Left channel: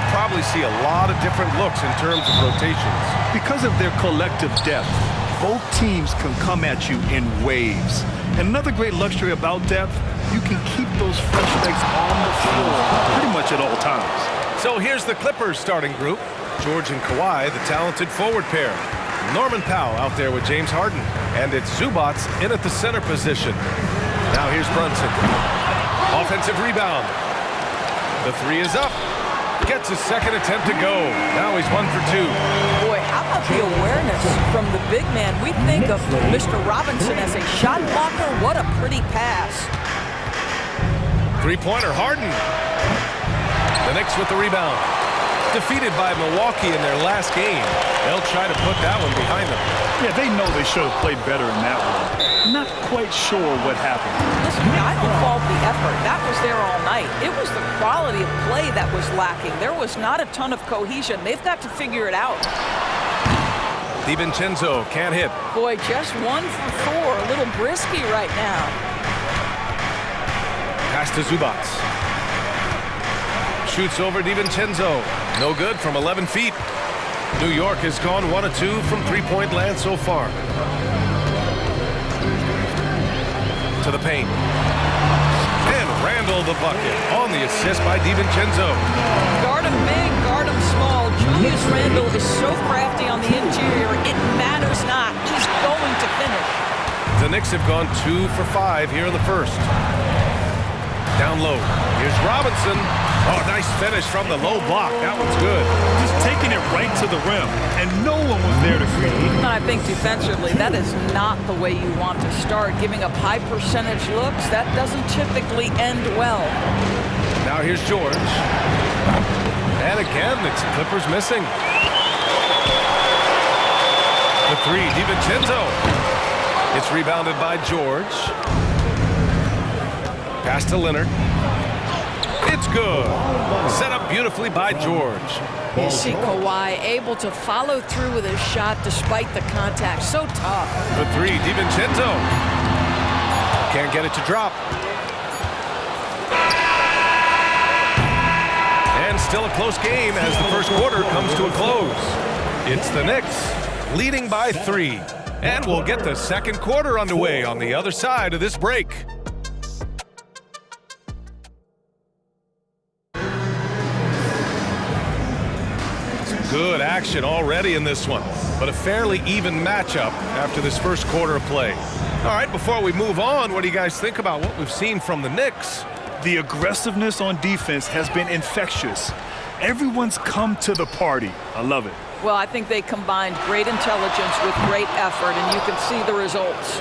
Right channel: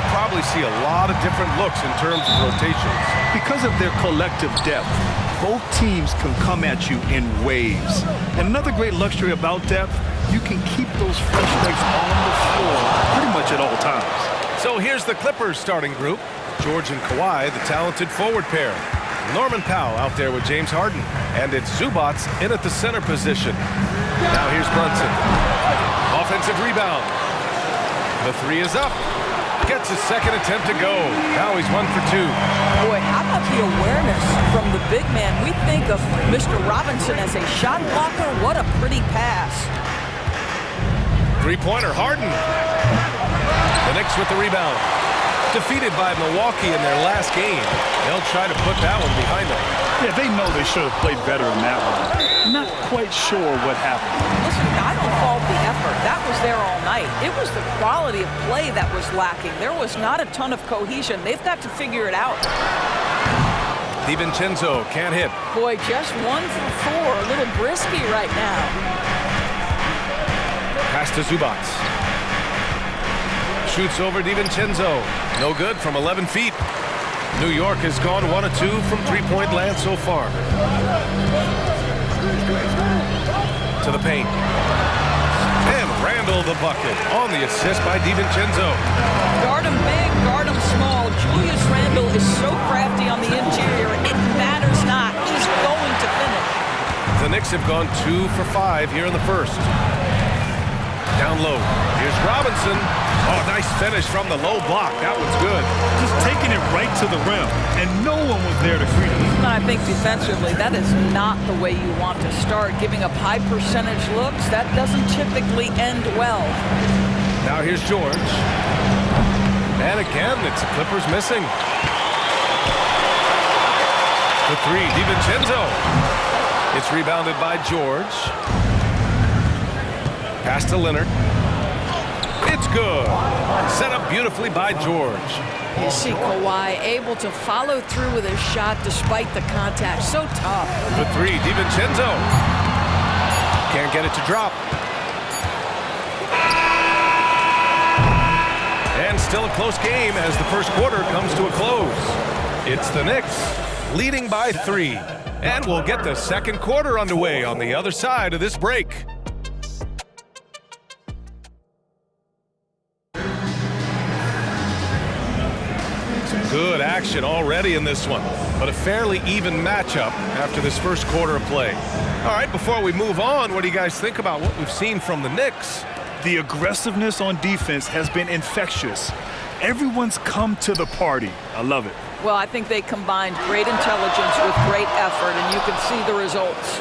we'll probably see a lot of different looks in terms of rotations. Because of their collective depth, both teams can come at you in waves. And another great luxury about depth, you can keep those fresh legs on the floor pretty much at all times. So here's the Clippers starting group. George and Kawhi, the talented forward pair. Norman Powell out there with James Harden. And it's Zubac in at the center position. Now here's Brunson. Offensive rebound. The three is up. Gets his second attempt to go. Now he's 1 for 2. Boy, how about the awareness from the big man? We think of Mr. Robinson as a shot blocker. What a pretty pass. Three-pointer, Harden. The Knicks with the rebound. Defeated by Milwaukee in their last game. They'll try to put that one behind them. Yeah, they know they should have played better in that one. Not quite sure what happened. Listen, I don't fault the effort. That was there all night. It was the quality of play that was lacking. There was not a ton of cohesion. They've got to figure it out. DiVincenzo can't hit. Boy, just 1 for 4. A little brisky right now. Pass to Zubac. Shoots over DiVincenzo. No good from 11 feet. New York has gone 1 of 2 from three-point land so far. To the paint. And Randle the bucket on the assist by DiVincenzo. Guard him big, guard him small. Julius Randle is so crafty on the interior, it matters not. He's going to finish. The Knicks have gone 2 for 5 here in the first. Down low. Here's Robinson. Oh, nice finish from the low block. That one's good. Just taking it right to the rim, and no one was there to greet him. And I think defensively, that is not the way you want to start. Giving up high percentage looks, that doesn't typically end well. Now here's George. And again, it's the Clippers missing. The three, DiVincenzo. It's rebounded by George. Pass to Leonard. It's good. Set up beautifully by George. You see Kawhi able to follow through with his shot despite the contact. So tough. The three, DiVincenzo. Can't get it to drop. And still a close game as the first quarter comes to a close. It's the Knicks leading by 3. And we'll get the second quarter underway on the other side of this break. Good action already in this one, but a fairly even matchup after this first quarter of play. All right, before we move on, what do you guys think about what we've seen from the Knicks? The aggressiveness on defense has been infectious. Everyone's come to the party. I love it. Well, I think they combined great intelligence with great effort, and you can see the results.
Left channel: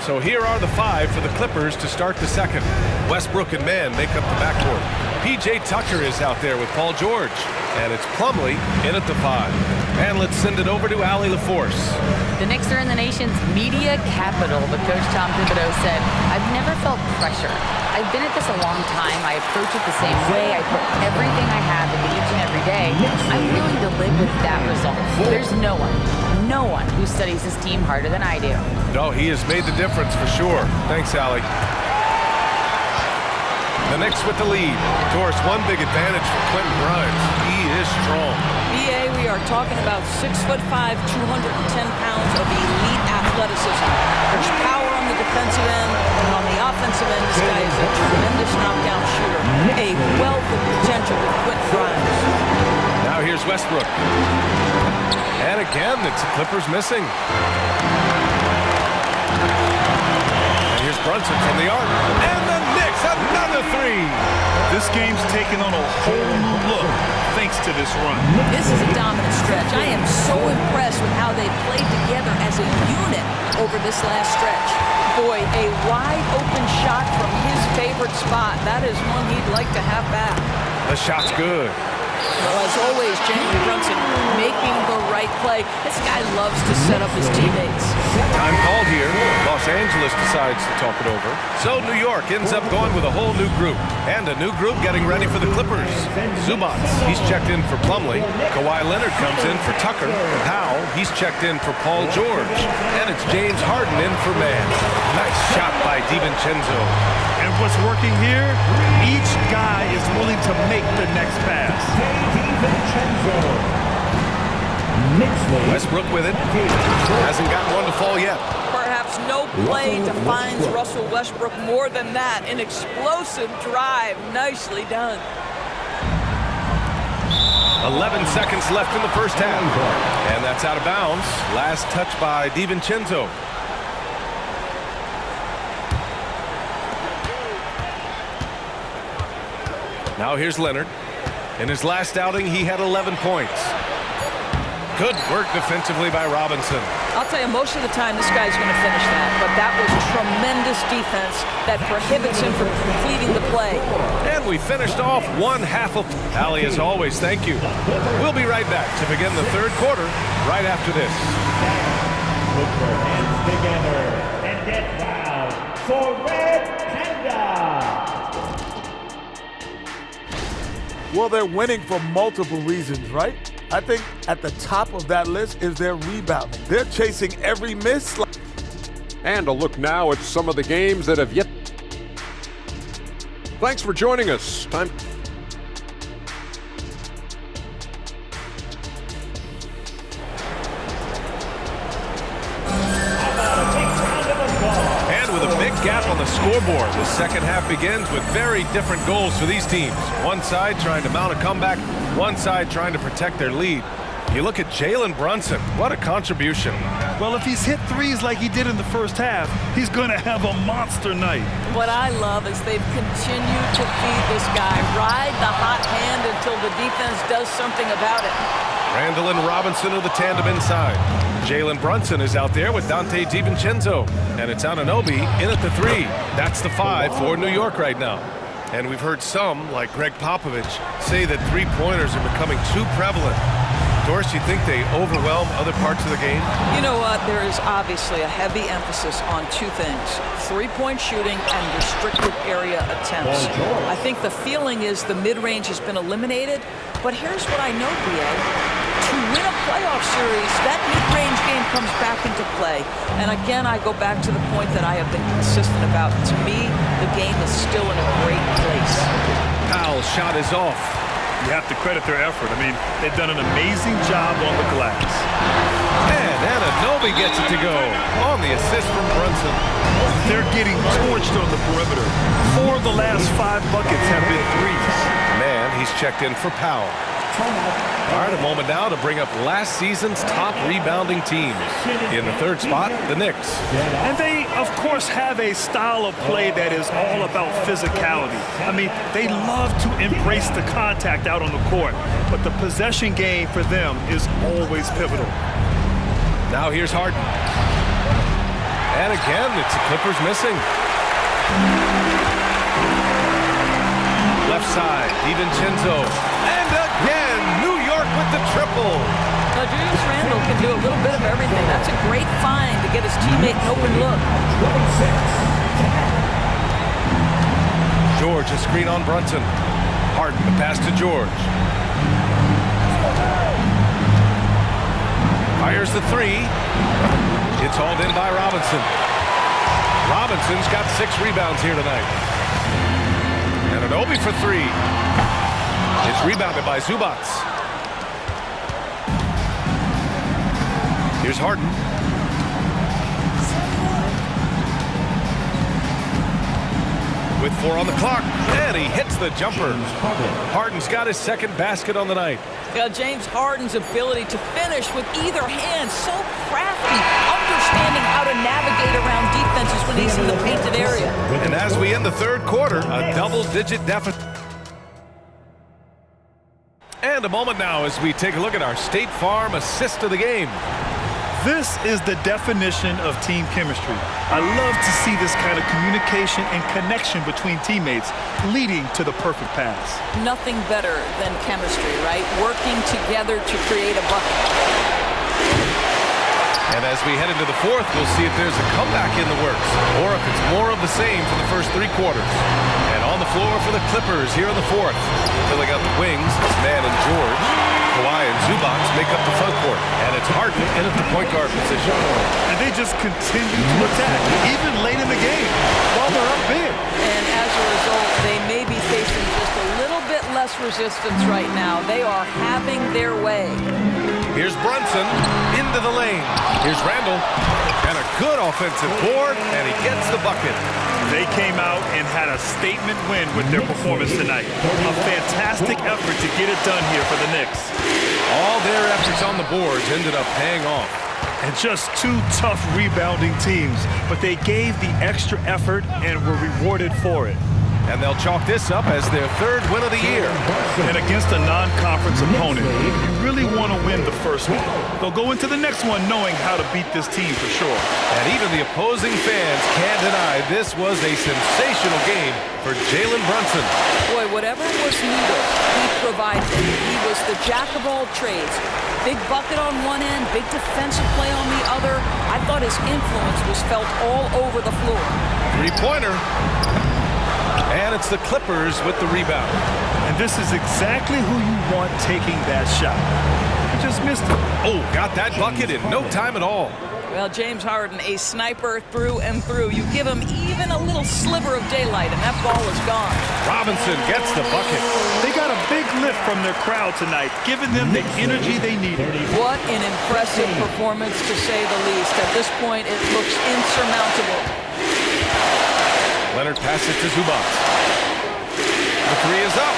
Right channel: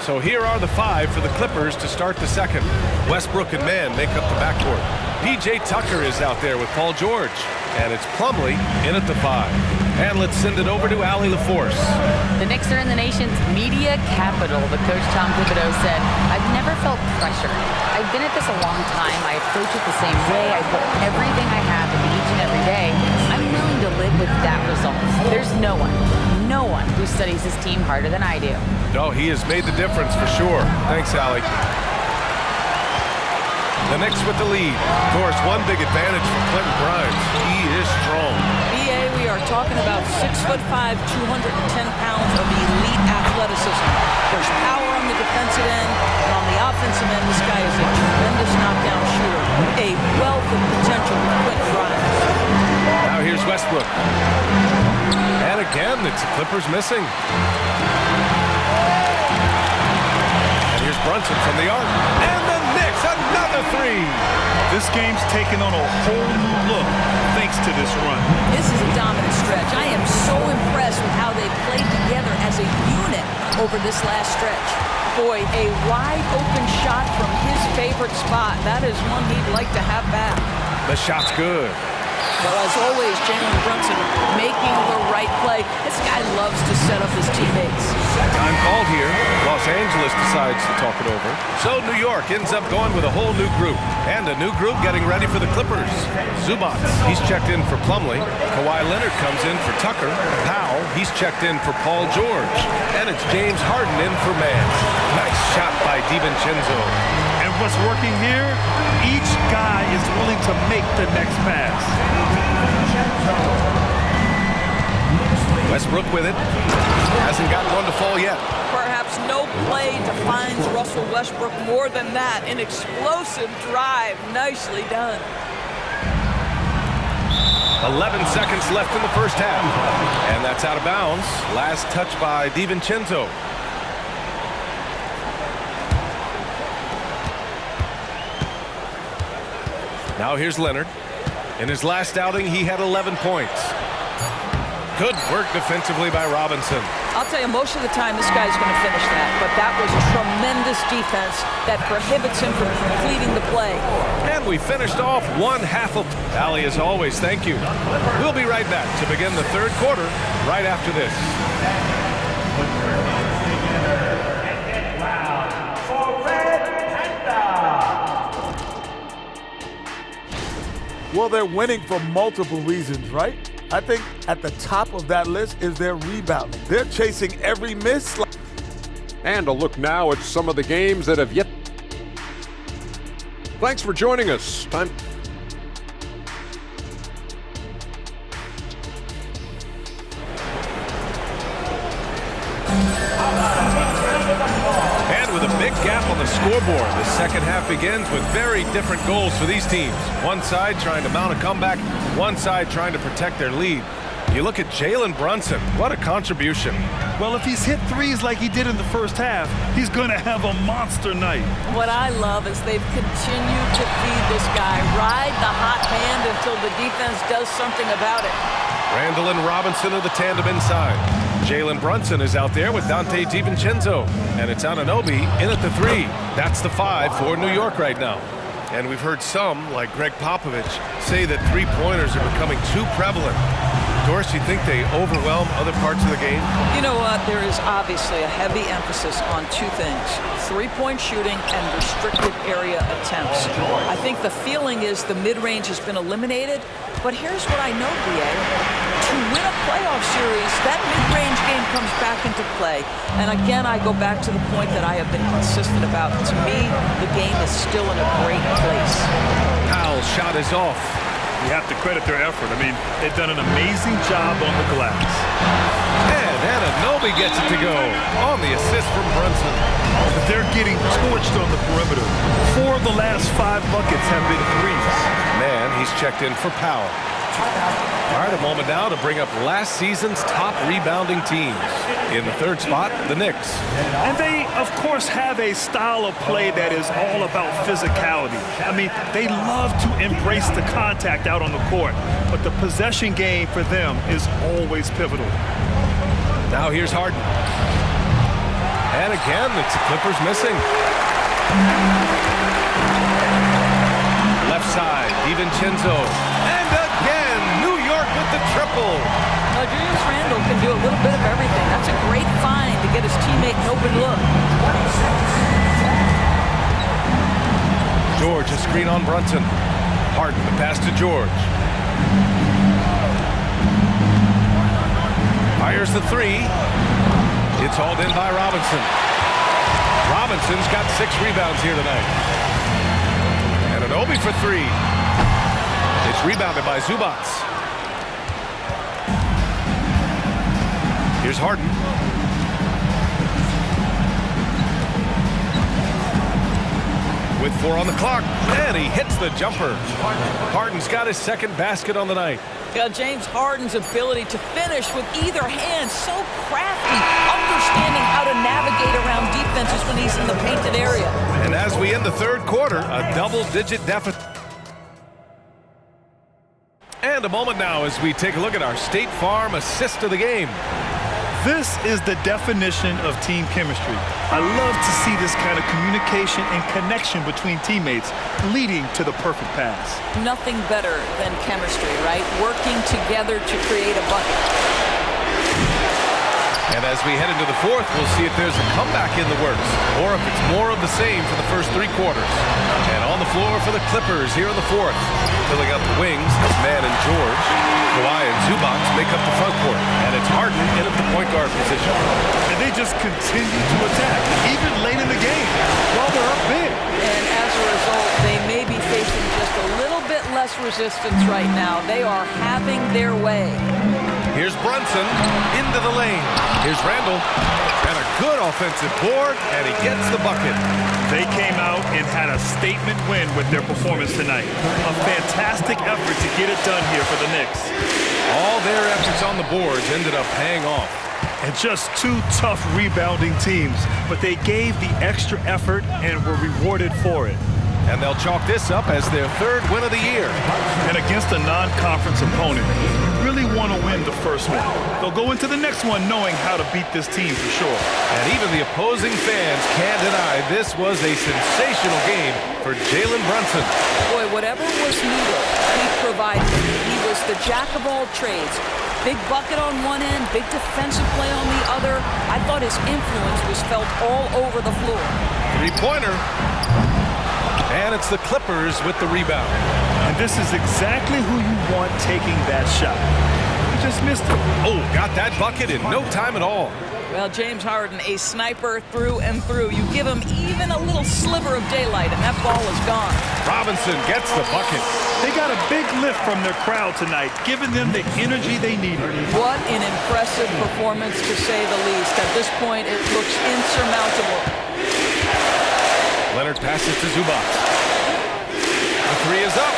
So here are the 5 for the Clippers to start the second. Westbrook and Mann make up the backcourt. P.J. Tucker is out there with Paul George. And it's Plumlee in at the 5. And let's send it over to Allie LaForce. The Knicks are in the nation's media capital, but Coach Tom Thibodeau said, "I've never felt pressure. I've been at this a long time. I approach it the same way. I put everything I have into each and every day. I'm willing to live with that result. There's no one who studies this team harder than I do." No, he has made the difference for sure. Thanks, Allie. The Knicks with the lead. Of course, one big advantage for Quentin Grimes. He is strong. BA, we are talking about 6'5", 210 pounds of elite athleticism. There's power on the defensive end, and on the offensive end, this guy is a tremendous knockdown shooter. A wealth of potential with Quentin Grimes. Now here's Westbrook. And again, it's the Clippers missing. And here's Brunson from the arc. And the Knicks, another 3. This game's taken on a whole new look thanks to this run. This is a dominant stretch. I am so impressed with how they've played together as a unit over this last stretch. Boy, a wide open shot from his favorite spot. That is one he'd like to have back. The shot's good. Well, as always, Jalen Brunson making the right play. This guy loves to set up his teammates. Time called here. Los Angeles decides to talk it over. So New York ends up going with a whole new group. And a new group getting ready for the Clippers. Zubac, he's checked in for Plumlee. Kawhi Leonard comes in for Tucker. Powell, he's checked in for Paul George. And it's James Harden in for Mann. Nice shot by DiVincenzo. And what's working here? Each guy is willing to make the next pass. Westbrook with it. Hasn't gotten one to fall yet. Perhaps no play defines Russell Westbrook more than that. An explosive drive. Nicely done. 11 seconds left in the first half. And that's out of bounds. Last touch by DiVincenzo. Now here's Leonard. In his last outing, he had 11 points. Good work defensively by Robinson. I'll tell you, most of the time this guy's going to finish that, but that was tremendous defense that prohibits him from completing the play. And we finished off one half of... Allie, as always, thank you. We'll be right back to begin the third quarter right after this. Put your hands together and get loud for Red Panda. Well, they're winning for multiple reasons, right? I think at the top of that list is their rebounding. They're chasing every miss. And a look now at some of the games that have yet. Thanks for joining us. Time. And with a big gap on the scoreboard, the second half begins with very different goals for these teams. One side trying to mount a comeback, one side trying to protect their lead. You look at Jalen Brunson. What a contribution. Well, if he's hit threes like he did in the first half, he's going to have a monster night. What I love is they've continued to feed this guy. Ride the hot hand until the defense does something about it. Randall and Robinson are the tandem inside. Jalen Brunson is out there with Dante DiVincenzo. And it's Anunoby in at the 3. That's the 5 for New York right now. And we've heard some, like Greg Popovich, say that three-pointers are becoming too prevalent. Doris, you think they overwhelm other parts of the game? You know what? There is obviously a heavy emphasis on two things: three-point shooting and restricted area attempts. I think the feeling is the mid-range has been eliminated, but here's what I know, B.A. To win a playoff series, that mid-range game comes back into play. And again, I go back to the point that I have been consistent about. To me, the game is still in a great place. Powell's shot is off. You have to credit their effort. I mean, they've done an amazing job on the glass. And Anunoby gets it to go on the assist from Brunson. They're getting torched on the perimeter. 4 of the last 5 buckets have been threes. Man, he's checked in for Powell. All right, a moment now to bring up last season's top rebounding teams. In the third spot, the Knicks. And they, of course, have a style of play that is all about physicality. I mean, they love to embrace the contact out on the court, but the possession game for them is always pivotal. Now here's Harden. And again, it's the Clippers missing. Left side, DiVincenzo. And again, New York with the triple. Julius Randle can do a little bit of everything. That's a great find to get his teammate an open look. George, a screen on Brunson. Harden, the pass to George. Fires the 3. It's hauled in by Robinson. Robinson's got 6 rebounds here tonight. And Anunoby for 3. It's rebounded by Zubac. Here's Harden. With 4 on the clock, and he hits the jumper. Harden's got his second basket on the night. Yeah, James Harden's ability to finish with either hand, so crafty, understanding how to navigate around defenses when he's in the painted area. And as we end the third quarter, a double-digit deficit. And a moment now as we take a look at our State Farm assist of the game. This is the definition of team chemistry. I love to see this kind of communication and connection between teammates leading to the perfect pass. Nothing better than chemistry, right? Working together to create a bucket. And as we head into the fourth, we'll see if there's a comeback in the works or if it's more of the same for the first 3 quarters. And on the floor for the Clippers here in the fourth. Filling up the wings, it's Mann and George. Kawhi and Zubac make up the front court, and it's Harden in at the point guard position. And they just continue to attack, even late in the game, while they're up big. And as a result, they may be facing just a little bit less resistance right now. They are having their way. Here's Brunson into the lane. Here's Randall. And a good offensive board, and he gets the bucket. They came out and had a statement win with their performance tonight. A fantastic effort to get it done here for the Knicks. All their efforts on the boards ended up paying off. And just two tough rebounding teams, but they gave the extra effort and were rewarded for it. And they'll chalk this up as their third win of the year. And against a non-conference opponent, you really want to win the first one. They'll go into the next one knowing how to beat this team for sure. And even the opposing fans can't deny this was a sensational game for Jalen Brunson. Boy, whatever was needed, he provided it. He was the jack of all trades. Big bucket on one end, big defensive play on the other. I thought his influence was felt all over the floor. Three-pointer. And it's the Clippers with the rebound. And this is exactly who you want taking that shot. He just missed it. Oh, got that bucket in no time at all. Well, James Harden, a sniper through and through. You give him even a little sliver of daylight, and that ball is gone. Robinson gets the bucket. They got a big lift from their crowd tonight, giving them the energy they needed. What an impressive performance, to say the least. At this point, it looks insurmountable. Leonard passes to Zubac. The three is up.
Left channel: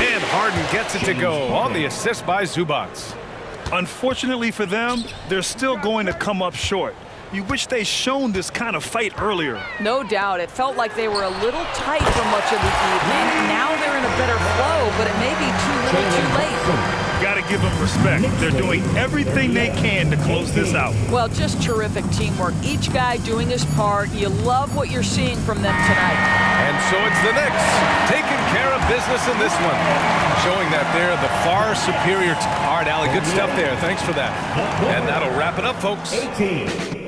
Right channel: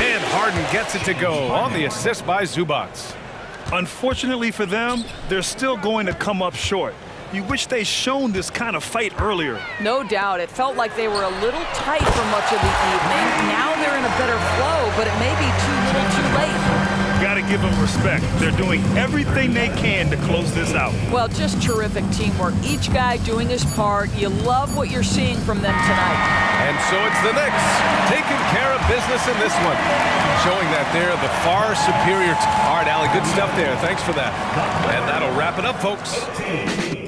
And Harden gets it to go on the assist by Zubac. Unfortunately for them, they're still going to come up short. You wish they'd shown this kind of fight earlier. No doubt. It felt like they were a little tight for much of the evening. Now they're in a better flow, but it may be too little too late. Got to give them respect. They're doing everything they can to close this out. Well, just terrific teamwork. Each guy doing his part. You love what you're seeing from them tonight. And so it's the Knicks taking care of business in this one, showing that they're the far superior. All right, Allie, good stuff there. Thanks for that. And that'll wrap it up, folks. 18.